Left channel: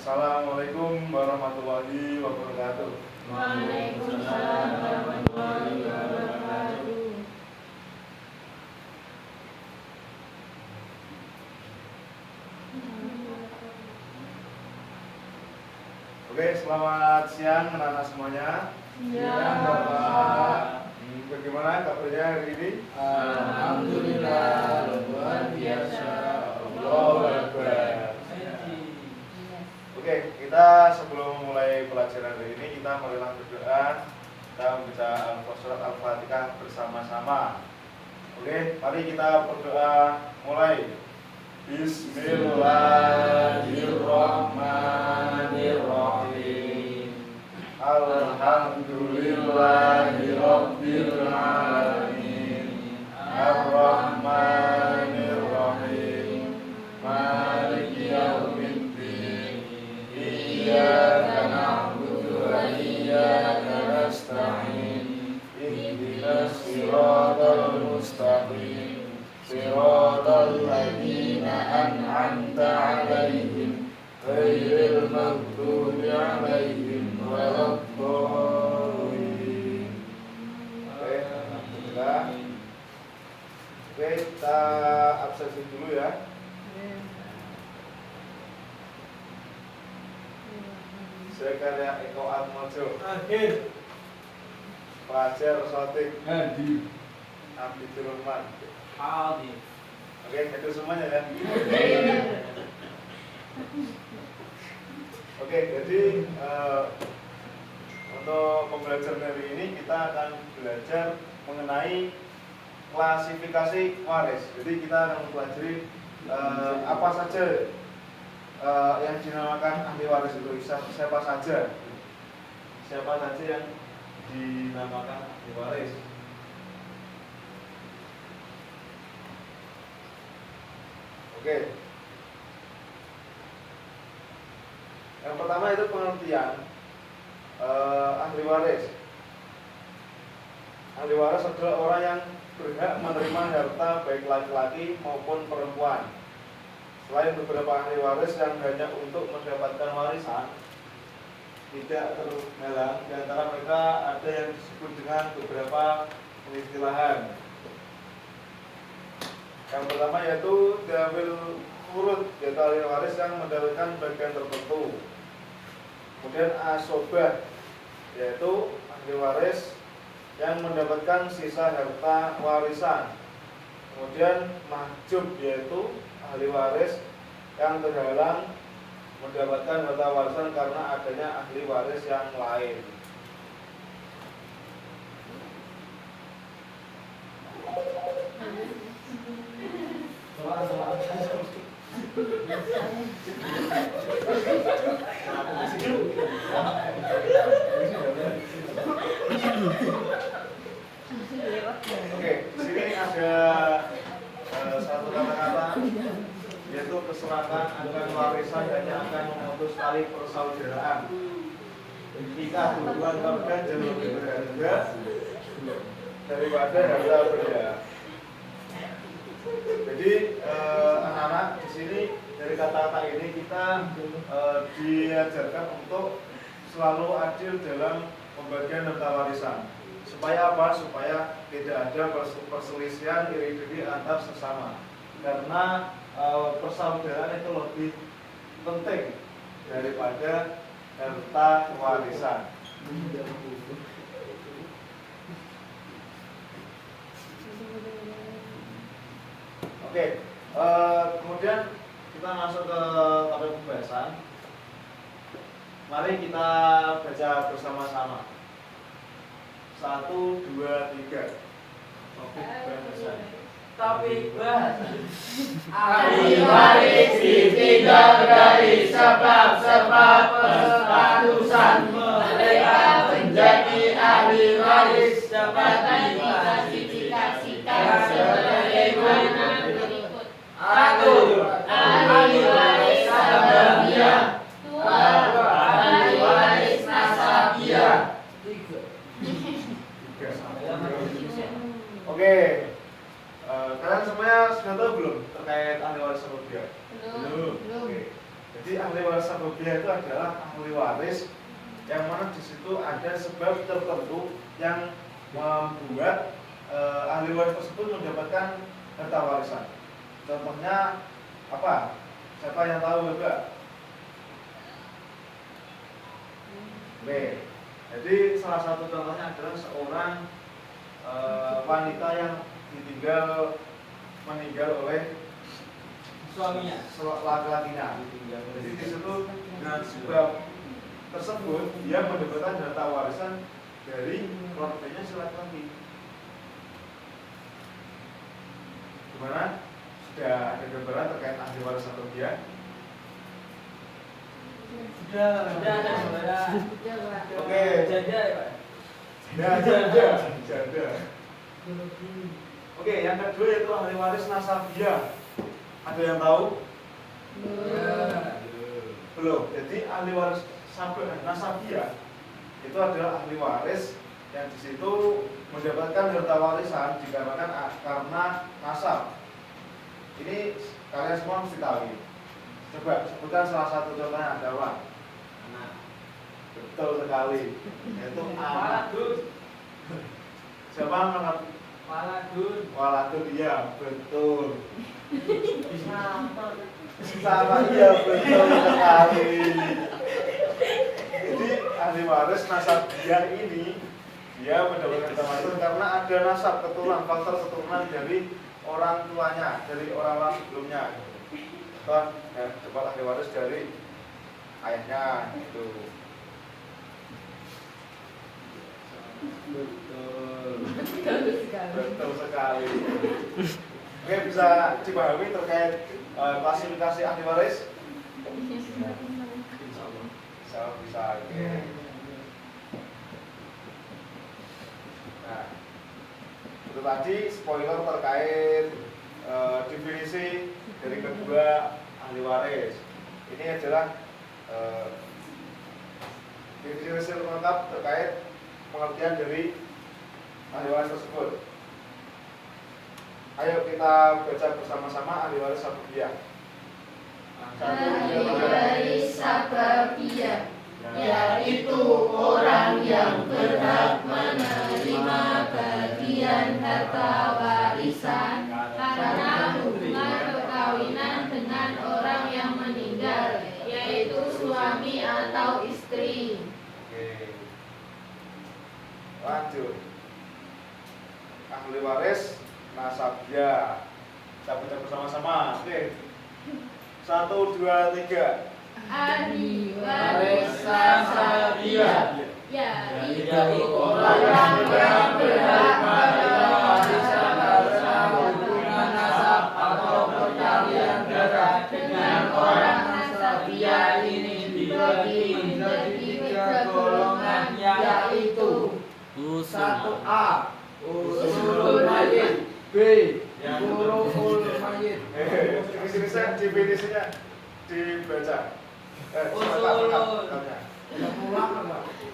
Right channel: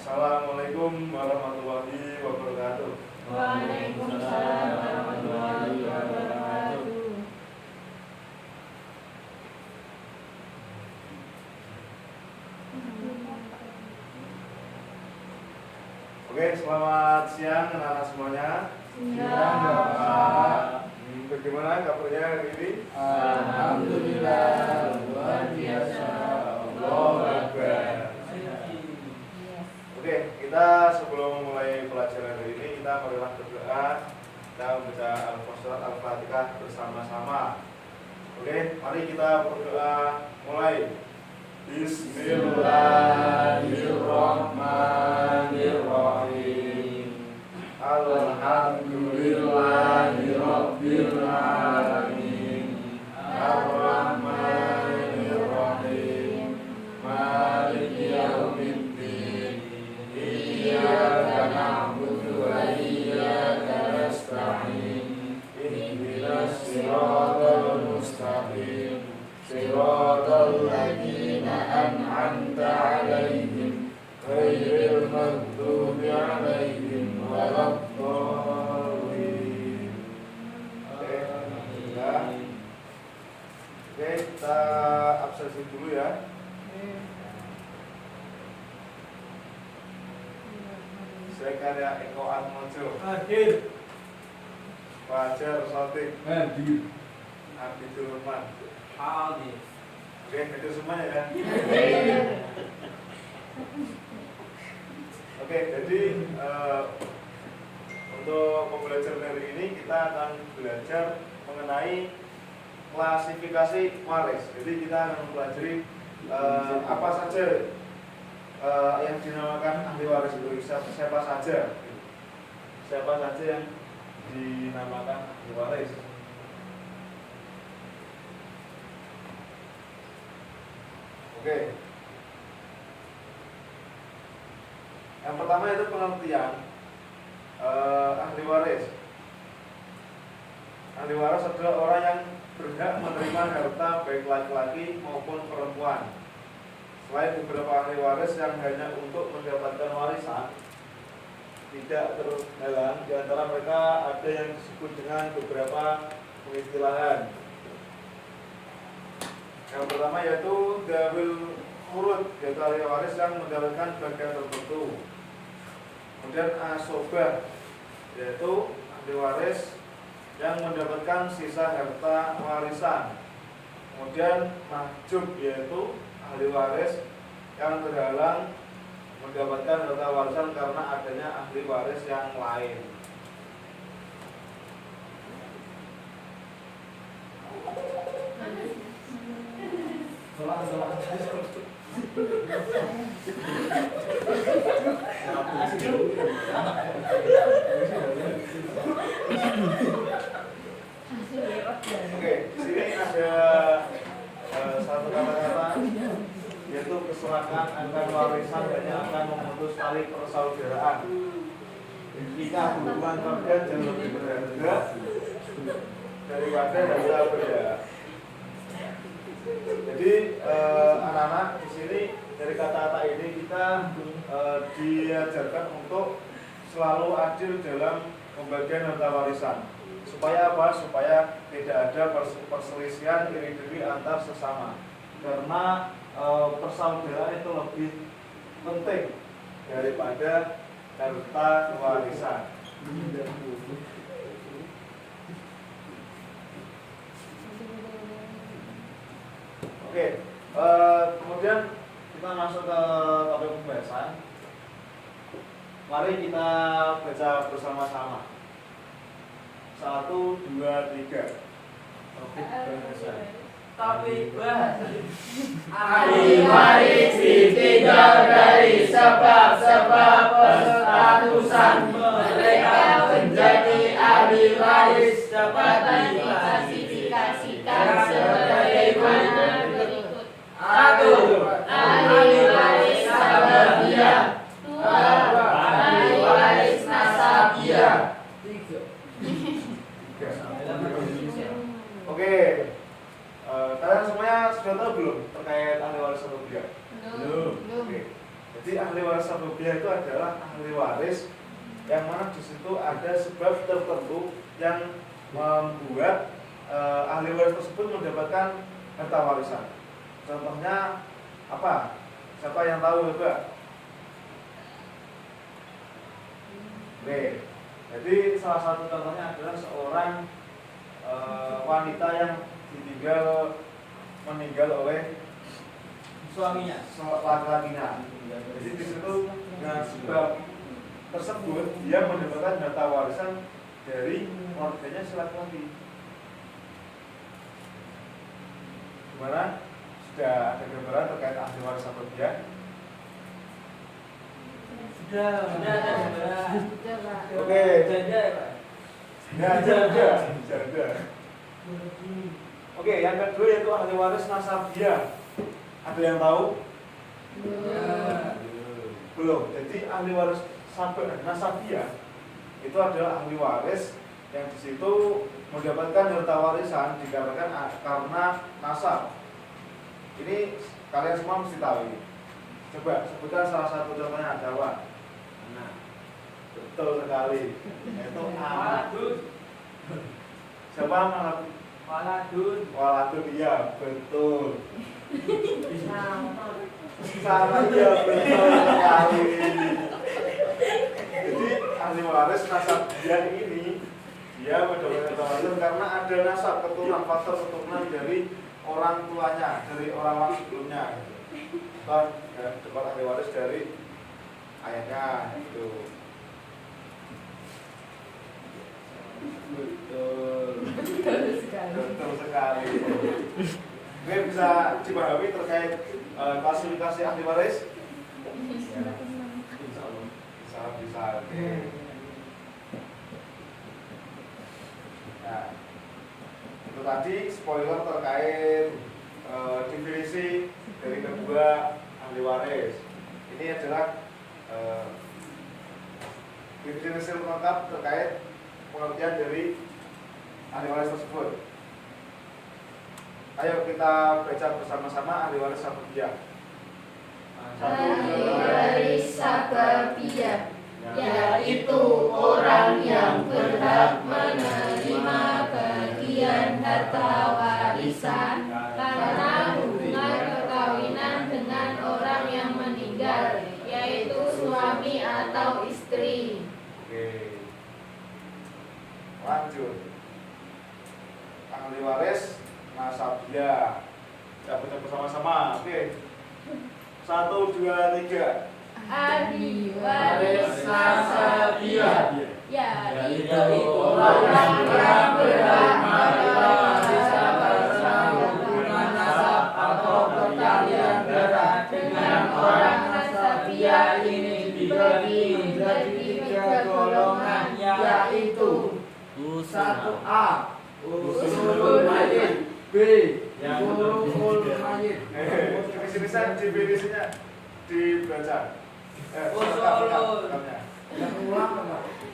Assalamualaikum warahmatullahi wabarakatuh. Waalaikumsalam warahmatullahi wabarakatuh. Oke, selamat siang anak-anak semuanya. Siang, Bapak. Bagaimana kabarnya hari ini? Alhamdulillah, luar biasa. Allahu Akbar. Oke, kita sebelum mulai pelajaran hari ini kita marilah berdoa. Kita membaca surat Al-Fatihah bersama-sama. Oke, mari kita berdoa. Mulai. Bismillahirrahmanirrahim. Alhamdulillahirabbil alamin. Ar-Rahmanir-Rahim. Maliki yaumiddin. Iyyaka na'budu wa iyyaka nasta'in. Ihdinas siratal mustaqim. Siratal ladzina an'amta 'alaihim ghairil maghdubi 'alaihim waladdallin. Oke, kita absensi dulu ya. Saya karya Eko Atmojo. Akhir Fajar Sotik. Hadir Abdul Rahman. Hadir. Oke, itu semuanya ya. Oke, jadi untuk pembelajaran hari ini kita akan belajar mengenai klasifikasi waris. Jadi kita akan mempelajari apa saja yang dinamakan ahli waris itu, siapa saja yang dinamakan ahli waris. Oke. Yang pertama itu pengertian ahli waris. Ahli waris adalah orang yang berhak menerima harta baik laki-laki maupun perempuan. Selain beberapa ahli waris yang hanya untuk mendapatkan warisan, tidak terhalang. Di antara mereka ada yang disebut dengan beberapa pengistilahan. Yang pertama yaitu dawil furud, yaitu ahli waris yang mendapatkan bagian tertentu. Kemudian asobah, yaitu ahli waris yang mendapatkan sisa harta warisan. Kemudian mahjub, yaitu ahli waris yang terhalang mendapatkan harta warisan karena adanya ahli waris yang lain. Oke, di sini ada satu kata-kata yaitu kesepakatan akan warisan hanya akan memutus tali persaudaraan. Jika hubungan keluarga jauh lebih berharga daripada harta benda. Jadi anak-anak di sini dari kata-kata ini kita diajarkan untuk selalu adil dalam pembagian harta warisan. Supaya apa? Supaya tidak ada perselisihan iri-iri antar sesama. Karena persaudaraan itu lebih penting daripada harta warisan. Oke, kemudian kita masuk ke topik pembahasan. Mari kita baca bersama-sama. 1, 2, 3. Topik pembahasan. Topik bahasan. Ahli waris ditinjau dari sebab-sebab penstatusan mereka menjadi ahli waris dapat diklasifikasikan sebagaimana berikut. 1. Ahli waris sababiyah. 2. Ahli waris nasabiyah. 3. Oke. Kalian semuanya sudah tahu belum terkait ahli waris sababiyah? Belum. Oke. Jadi ahli waris sababiyah itu adalah ahli waris yang mana di situ ada sebab tertentu yang membuat ahli waris tersebut mendapatkan harta warisan. Contohnya apa? Siapa yang tahu juga? Oke. Jadi salah satu contohnya adalah seorang wanita yang meninggal oleh Suaminya. laki-lakinya. Jadi di situ dengan sebab tersebut dia mendapatkan harta warisan dari keluarganya si laki-laki. Gimana? Sudah ada gambaran terkait ahli waris atau dia? Sudah ada gambaran. Oke. Janda ya Pak. Nah, janda. Oke, yang kedua yaitu ahli waris nasabiyah. Ada yang tahu? Belum. Jadi ahli waris nasabiyah itu adalah ahli waris yang di situ mendapatkan harta warisan dikarenakan karena nasab. Ini kalian semua mesti tahu ini. Coba sebutkan salah satu contohnya ada apa? Anak. Betul sekali. Yaitu anak. Siapa anak? Waladun. Waladun, iya betul. Sama iya betul sekali. Jadi ahli waris nasabiyah ini dia mendapatkan harta warisan karena ada nasab keturunan, faktor keturunan dari orang tuanya, dari orang-orang sebelumnya gitu. Kan ya, dapat ahli waris dari ayahnya gitu. Betul sekali. Oke, bisa dipahami terkait klasifikasi ahli waris? Bisa. Oke. Nah, itu tadi spoiler terkait definisi dari kedua ahli waris. Ini adalah definisi lengkap terkait pengertian dari ahli waris tersebut. Ayo kita baca bersama-sama ahli waris sababiyah. Ahli waris sababiyah yaitu orang yang berhak menerima bagian harta warisan karena hubungan perkawinan dengan orang yang meninggal, yaitu suami atau istri. Oke. Lanjut. Ahli waris nasabiyah. Kita baca bersama-sama. Oke. 1, 2, 3. Ahli waris nasabiyah yaitu orang yang berhak menerima warisan karena hubungan nasab atau perkalian darah dengan orang nasabiyah ini dibagi menjadi 3 golongan, yaitu 1A usulul mayit, B furul mayit. Definisinya dibaca.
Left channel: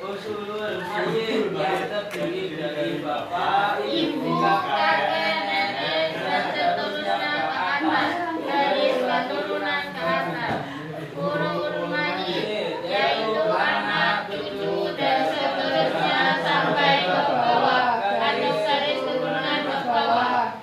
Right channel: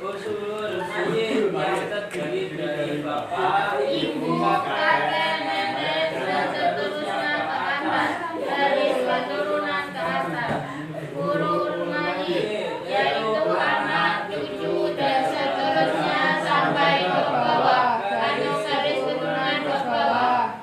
Usulul mayit yang terdiri dari bapak, ibu, kakek, nenek, dan seterusnya ke atas dari keturunan ke atas. Furul mayit yaitu anak, cucu, dan seterusnya sampai ke bawah. Garis keturunan ke bawah.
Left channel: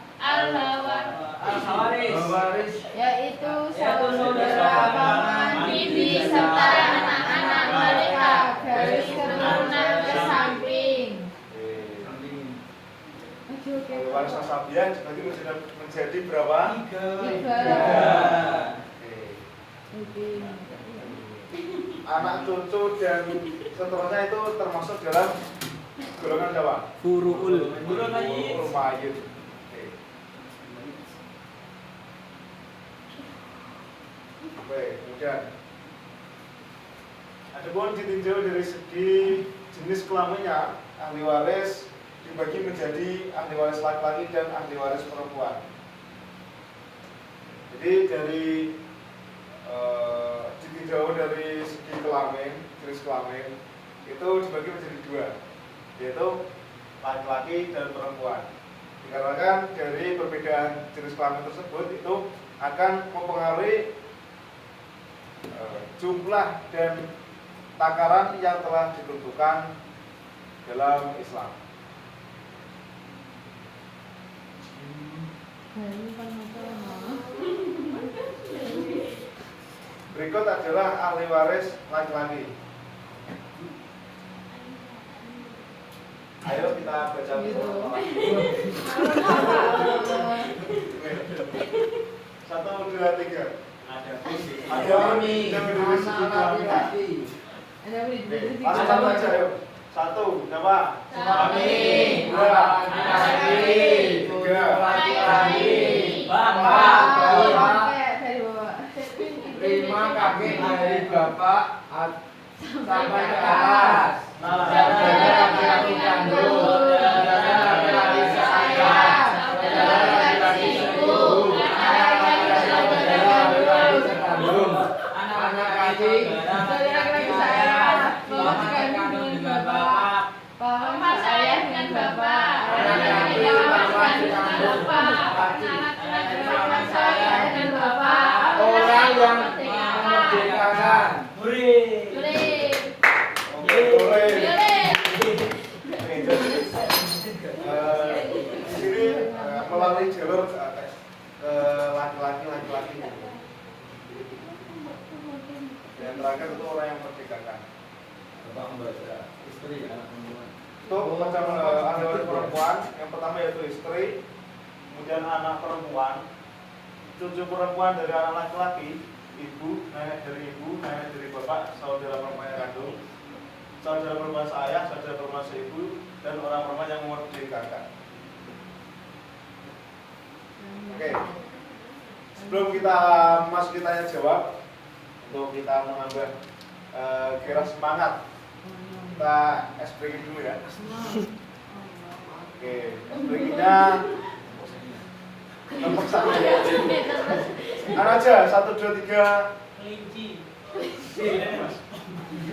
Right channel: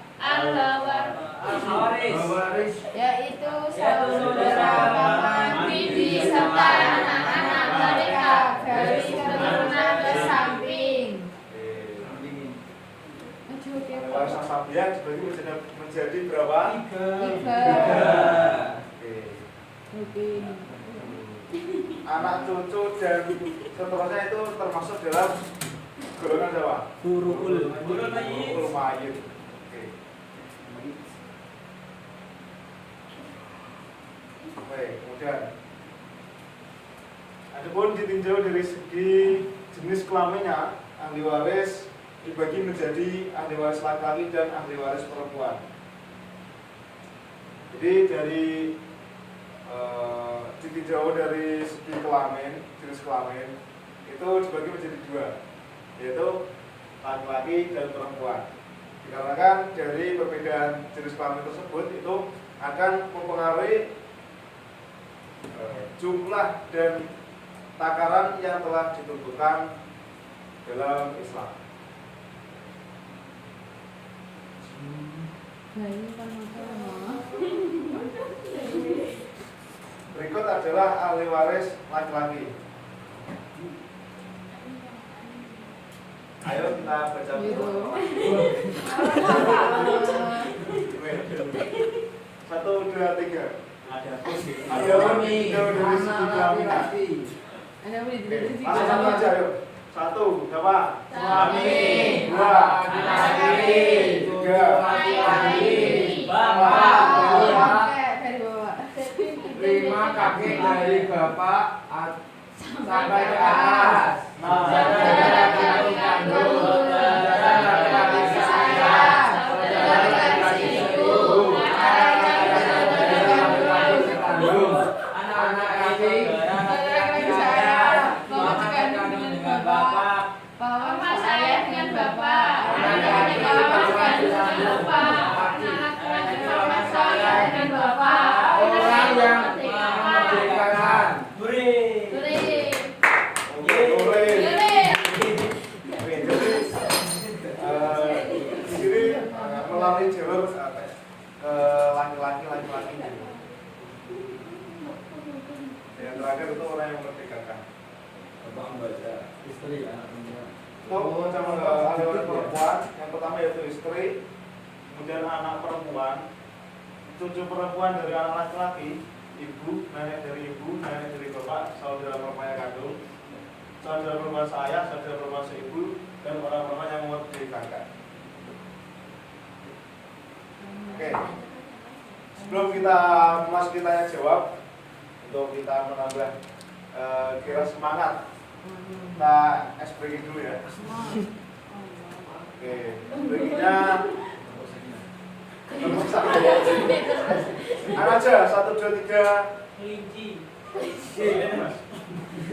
Al-Hawaris Yaitu yaitu saudara paman, bibi serta anak-anak mereka dari keturunan ke samping. Ahli waris nasabiyah dibagi menjadi berapa? 3. Oke. Anak, cucu, dan seterusnya itu termasuk dalam golongan siapa? Furuul Furul mayit. Furul mayit. Oke, kemudian adapun ditinjau dari segi jenis kelaminnya, ahli waris dibagi menjadi ahli waris laki-laki dan ahli waris perempuan. Jadi dari ditinjau dari segi kelamin, jenis kelamin itu dibagi menjadi 2, yaitu laki-laki dan perempuan. Dikarenakan dari perbedaan jenis kelamin tersebut itu akan mempengaruhi jumlah dan takaran yang telah ditentukan dalam Islam. Berikut adalah ahli waris laki-laki. Ayo kita baca bersama. 1, 2, 3. Ada posisi. Ada Kami anak laki-laki. Satu aja yuk. 1, siapa? Kami 2, laki-laki. 3, Laki-laki. Bapak. Bapak. Terima kakek dari bapak sampai ke atas. Saudara laki-laki kandung, saudara laki-laki saya, saudara laki-laki ibu, anak laki-laki sekandung, anak laki saya, bapak kandung dengan bapak, Bapak saya dengan bapak. anak laki bapak sekandung, Anak saya dengan bapak. orang yang memerdekakan. Hore. Boleh. Oke, boleh. Boleh. Oke, jadi di sini melalui jalur ke laki-laki. Yang terakhir itu orang yang merdekakan. Bapak membaca istri anak perempuan. Untuk macam ahli waris perempuan, yang pertama yaitu istri, kemudian anak perempuan, cucu perempuan dari anak laki-laki, ibu, nenek dari bapak, saudara perempuan yang kandung, saudara perempuan saya, saudara perempuan seibu, dan orang perempuan yang memerdekakan. Oke. Sebelum kita masuk tanya jawab, untuk kita menambah kira semangat, kita SPG dulu ya. Oke, SPG-nya nomor 1. Anak aja, 1, 2, 3. Kelinci.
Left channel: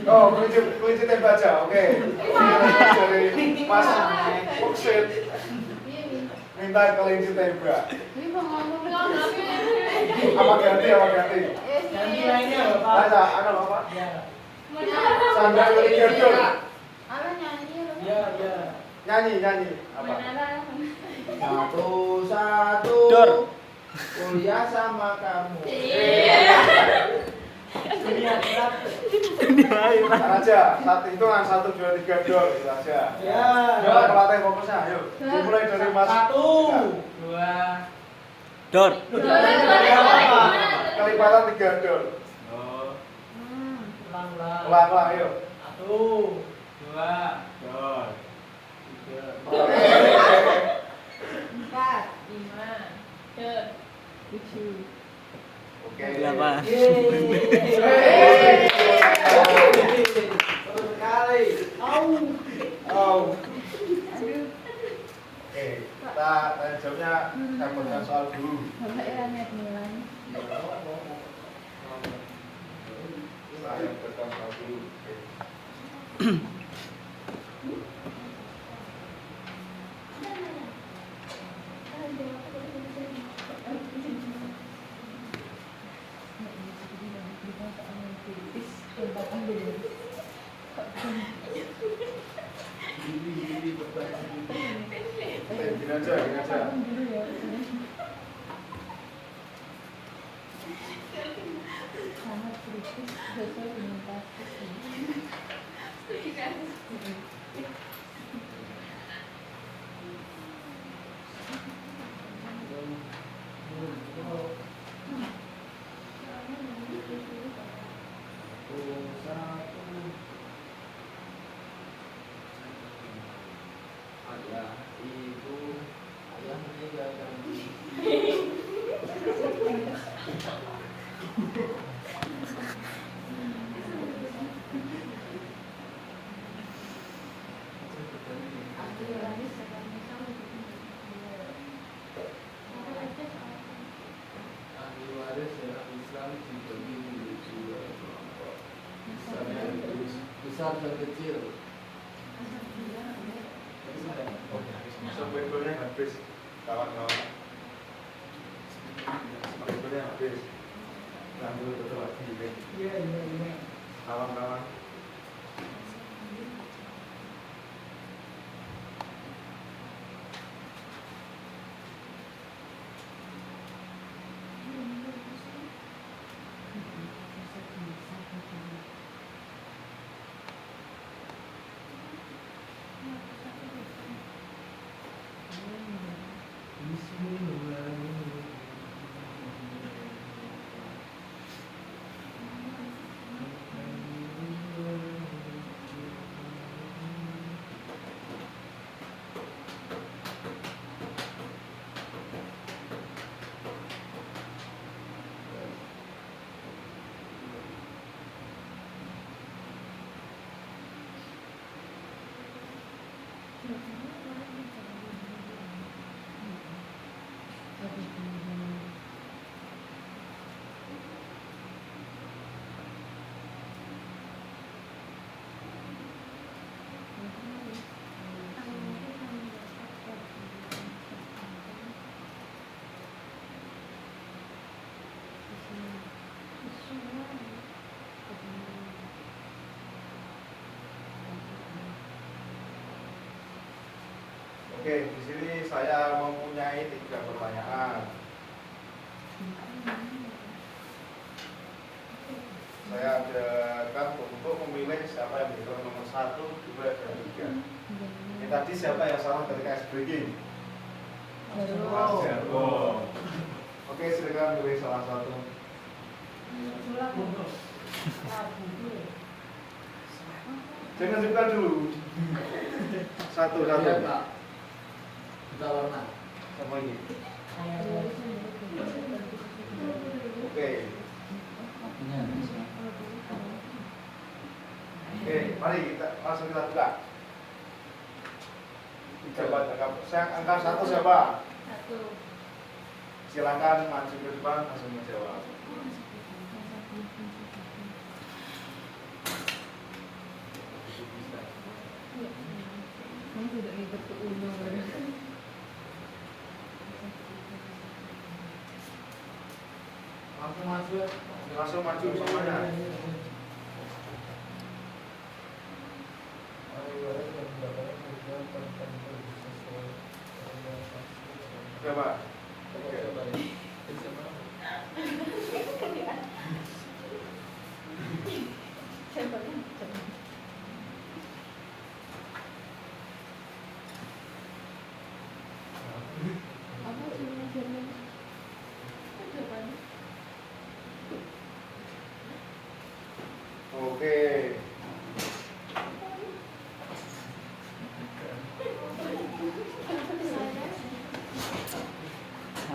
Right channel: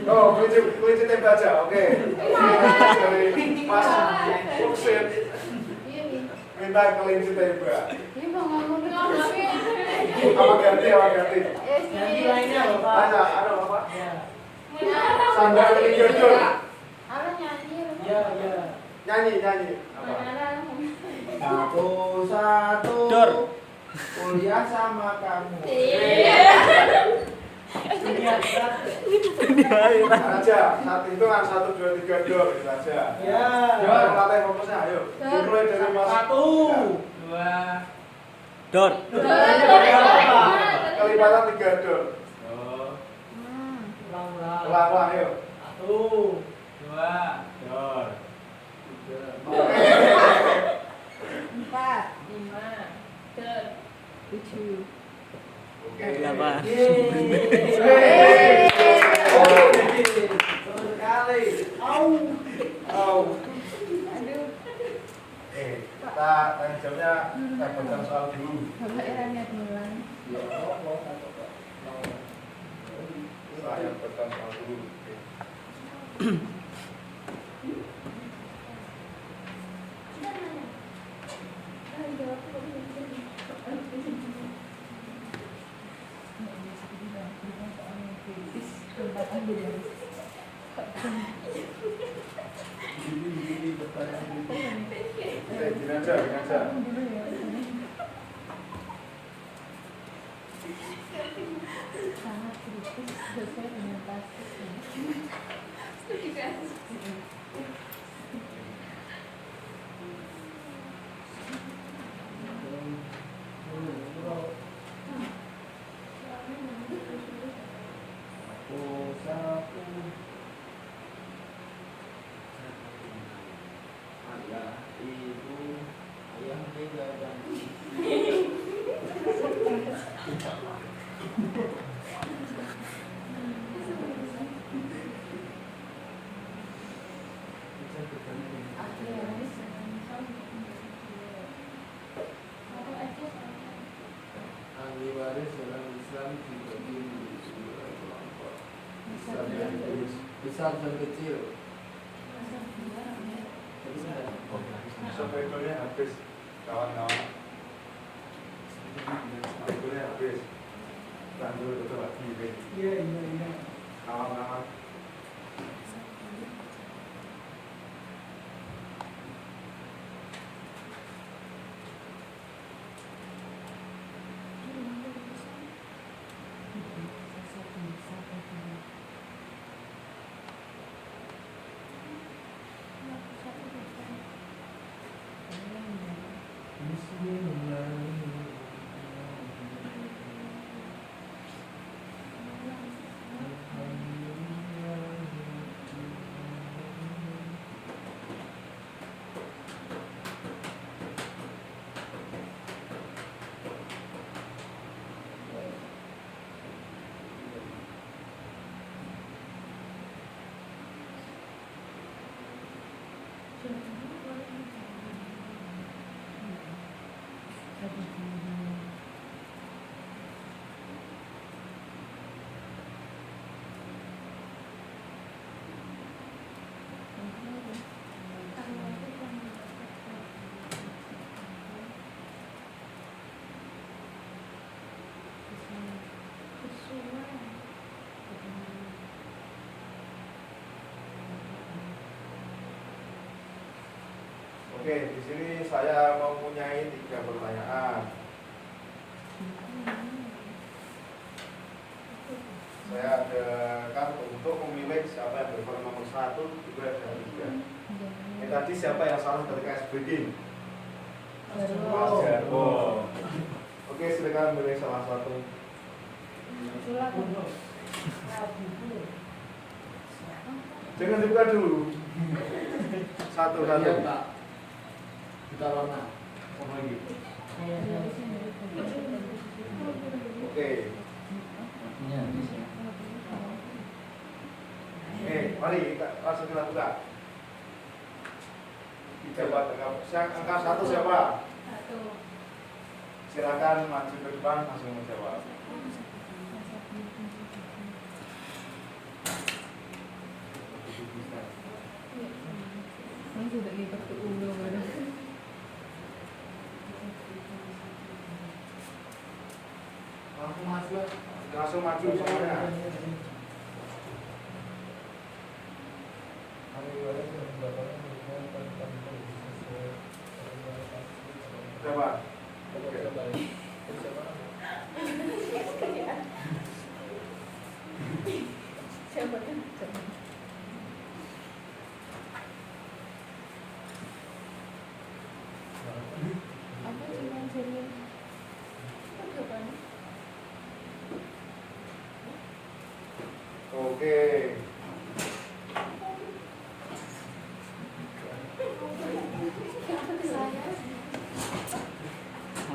Oh, kelinci tembak aja, oke. Dari Mas Muksin minta kelinci tembak. Apa ganti? Ganti lainnya Bapak. Tanya, apa? Ya. Sandal kelinci jodol. Ya. Nyanyi. Apa? Satu Dor. kuliah sama kamu. Dunia berat. Aja, satu hitungan 1, 2, 3 dor gitu aja. Ya. Dor, melatih fokusnya, ayo. Dimulai dari Mas. 1, 2. Dor. Kelipatan 3 dor. Oh. Ulang. Ulang, ayo. 1, 2, dor. 3. Oke. Berapa? Yeay. Seru sekali. Oke, kita tanya jawabnya kita baca soal dulu. Saya baca soal dulu. Oke. Gini aja. Ahli waris dalam Islam dibagi menjadi 2 kelompok. Besar dan kecil. Sebetulnya habis, kawan-kawan. Sebetulnya habis. sambil betul lagi, oke? Iya. Kawan-kawan. Oke, di sini saya mempunyai 3 pertanyaan. Saya adakan untuk memilih siapa yang berikut nomor 1, 2, dan 3. Ini tadi siapa yang salah ketika ice breaking? Mas Jarwo. Oke, silakan pilih salah satu. Jangan dibuka dulu. Satu-satu. Kita warna. Apa lagi? Oke. Oke, mari kita langsung kita buka. Coba angka 1 siapa? Silakan maju ke depan langsung menjawab. Langsung maju semuanya. Siapa? Oke.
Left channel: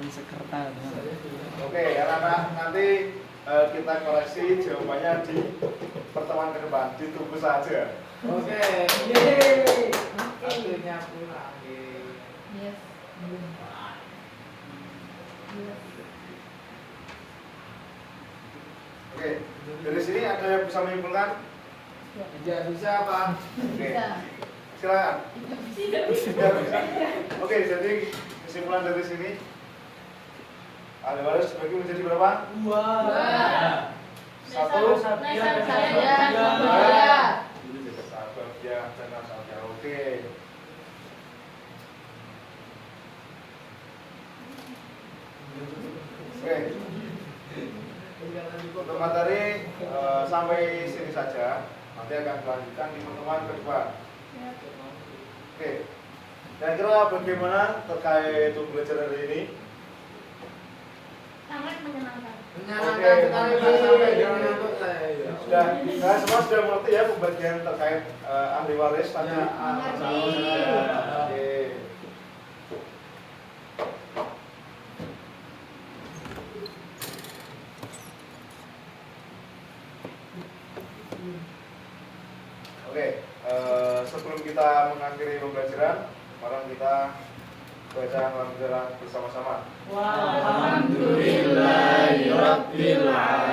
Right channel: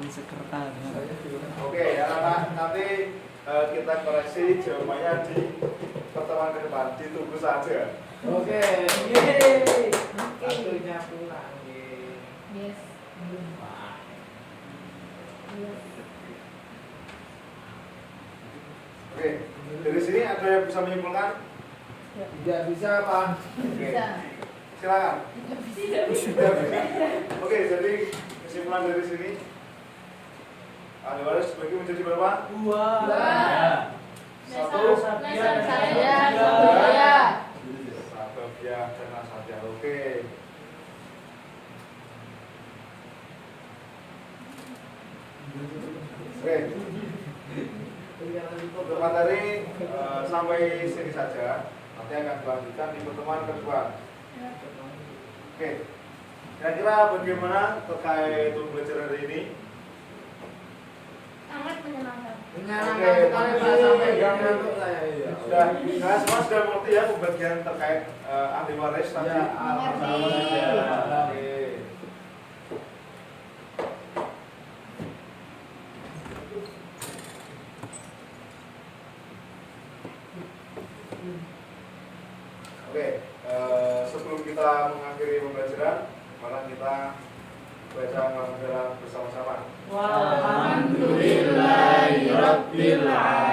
Sekretar dengan Oke, anak-anak nanti kita koreksi jawabannya di pertemuan ke depan. Ditunggu saja. Oke. Yeay. Waktunya pulang. Yes. Oke, dari sini ada yang bisa menyimpulkan? Tidak bisa, Bang. Oke, silakan. Tidak bisa. Oke, jadi kesimpulan dari sini, ahli waris bagi menjadi berapa? 2. 1. Saya. Sahabat ya, tenang saja. Oke. Oke. Untuk materi sampai sini saja. Nanti akan dilanjutkan di pertemuan kedua. Oke. Kira-kira bagaimana terkait pembelajaran hari ini? Sangat menyenangkan. Menyenangkan sekali, Pak. Sampai jam ngantuk saya. Sudah, nah semua sudah mengerti ya pembagian terkait ahli waris tadi. Ya, Oke. Oke, sebelum kita mengakhiri pembelajaran, mari kita baca pembelajaran bersama-sama. Walhamdulillahirabbil alamin.